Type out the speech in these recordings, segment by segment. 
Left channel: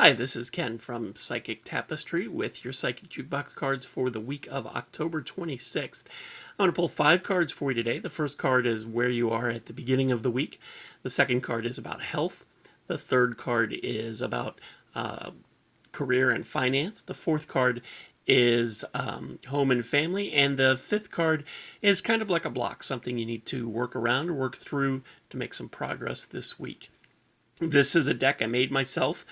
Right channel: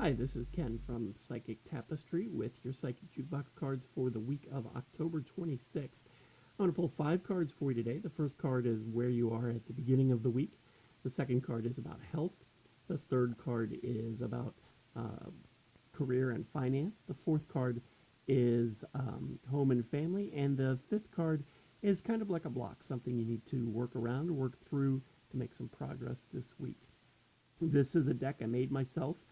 Hi, this is Ken from Psychic Tapestry with your Psychic Jukebox cards for the week of October 26th. I'm going to pull 5 cards for you today. The first card is where you are at the beginning of the week. The second card is about health. The third card is about career and finance. The fourth card is home and family. And the fifth card is kind of like a block, something you need to work around or work through to make some progress this week. This is a deck I made myself.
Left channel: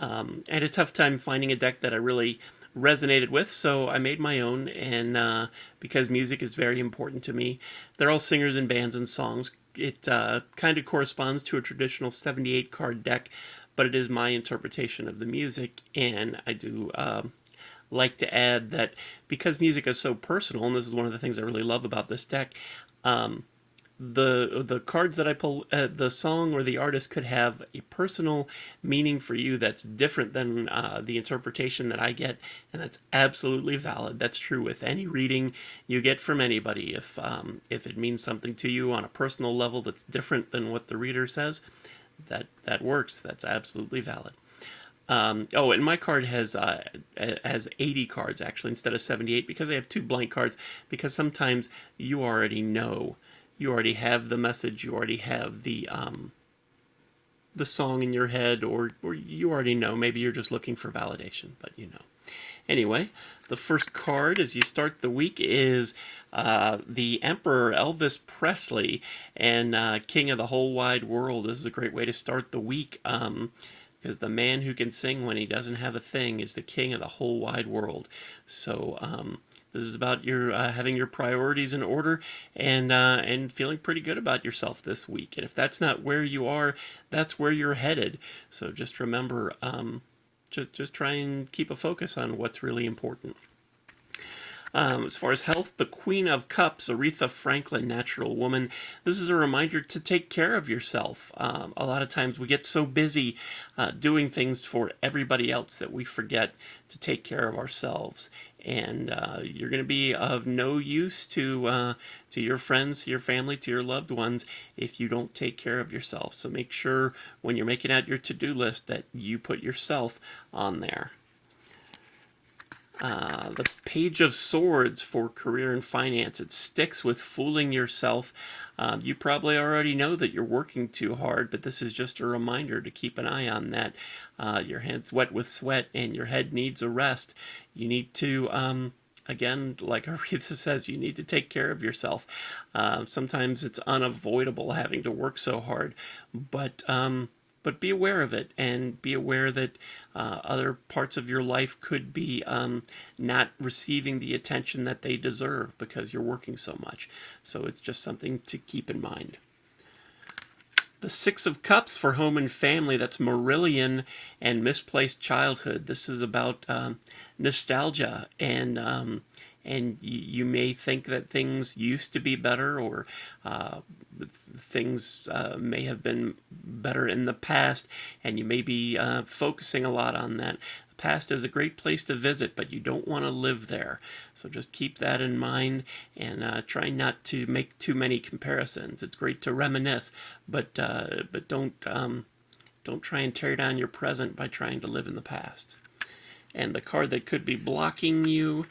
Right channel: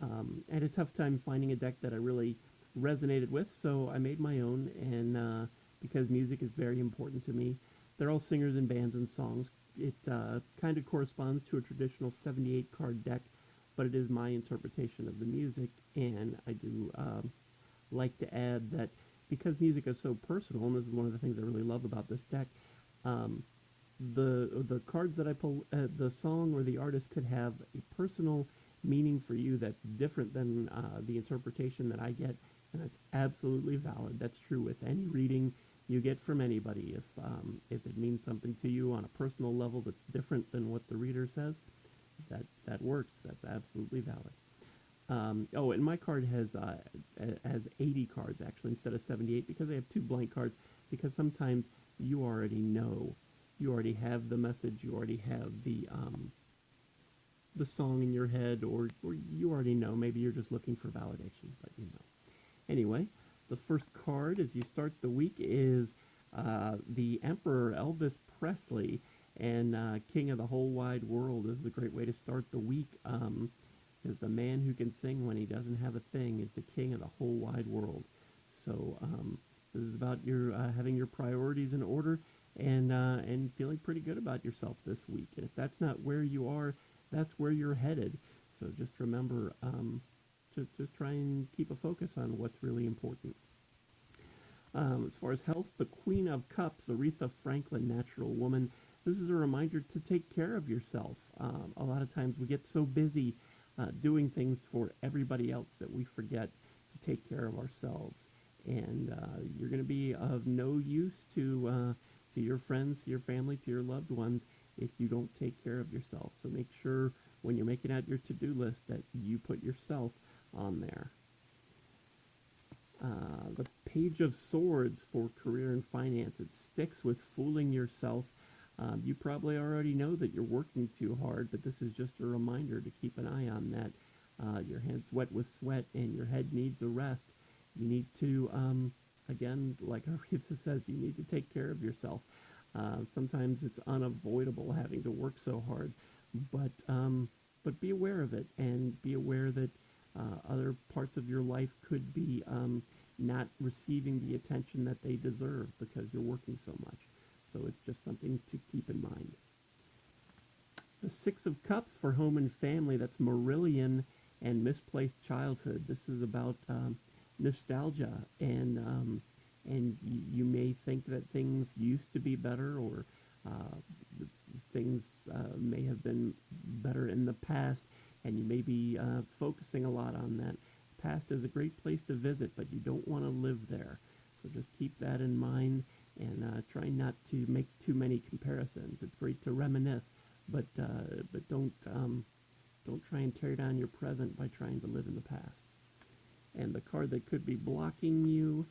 I had a tough time finding a deck that I really resonated with, so I made my own. And because music is very important to me, they're all singers and bands and songs. It kind of corresponds to a traditional 78 card deck, but it is my interpretation of the music. And I do like to add that because music is so personal, and this is one of the things I really love about this deck. The cards that I pull, the song or the artist could have a personal meaning for you that's different than the interpretation that I get, and that's absolutely valid. That's true with any reading you get from anybody. If it means something to you on a personal level that's different than what the reader says, that works. That's absolutely valid. And my card has 80 cards actually instead of 78 because I have 2 blank cards, because sometimes you already know. You already have the message, you already have the song in your head, or you already know. Maybe you're just looking for validation, but you know. Anyway, the first card as you start the week is the Emperor Elvis Presley and King of the Whole Wide World. This is a great way to start the week. Because the man who can sing when he doesn't have a thing is the king of the whole wide world. So this is about your having your priorities in order and feeling pretty good about yourself this week. And if that's not where you are, that's where you're headed. So just remember, just try and keep a focus on what's really important. As far as health, the Queen of Cups, Aretha Franklin, Natural Woman. This is a reminder to take care of yourself. A lot of times we get so busy doing things for everybody else that we forget to take care of ourselves. And you're going to be of no use to your friends, to your family, to your loved ones if you don't take care of yourself. So make sure when you're making out your to-do list that you put yourself on there. The Page of Swords for career and finance. It sticks with fooling yourself. You probably already know that you're working too hard, but this is just a reminder to keep an eye on that. Your hands wet with sweat and your head needs a rest. You need to, again, like Aretha says, you need to take care of yourself. Sometimes it's unavoidable having to work so hard, but be aware of it, and be aware that other parts of your life could be not receiving the attention that they deserve because you're working so much. So it's just something to keep in mind. The Six of Cups for home and family. That's Marillion and Misplaced Childhood. This is about nostalgia, and you may think that things used to be better, or things may have been better in the past, and you may be focusing a lot on that. The past is a great place to visit, but you don't want to live there. So just keep that in mind, and try not to make too many comparisons. It's great to reminisce, but don't try and tear down your present by trying to live in the past. And the card that could be blocking you,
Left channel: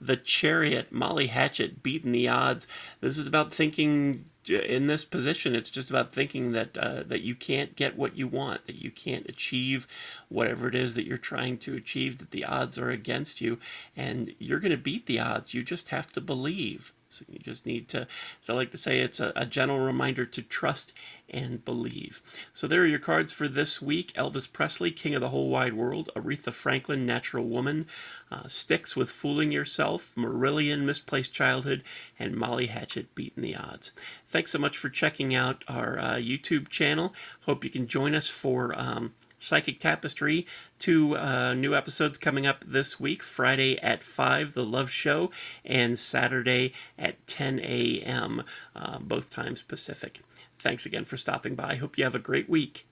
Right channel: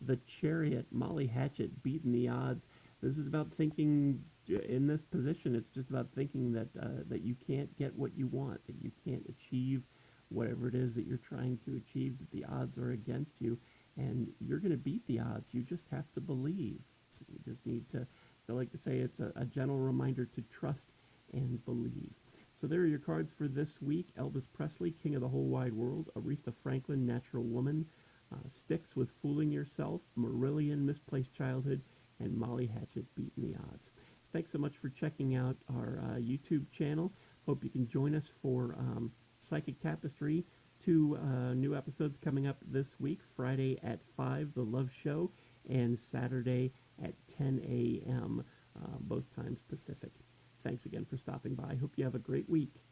the Chariot, Molly Hatchet, beating the odds. This is about thinking in this position. It's just about thinking that you can't get what you want, that you can't achieve whatever it is that you're trying to achieve, that the odds are against you, and you're going to beat the odds. You just have to believe. So you just need to, as I like to say, it's a gentle reminder to trust and believe. So there are your cards for this week. Elvis Presley, King of the Whole Wide World. Aretha Franklin, Natural Woman. Sticks with Fooling Yourself. Marillion, Misplaced Childhood. And Molly Hatchet, Beating the Odds. Thanks so much for checking out our YouTube channel. Hope you can join us for Psychic Tapestry. 2 new episodes coming up this week. Friday at 5, The Love Show, and Saturday at 10 a.m., both times Pacific. Thanks again for stopping by. Hope you have a great week.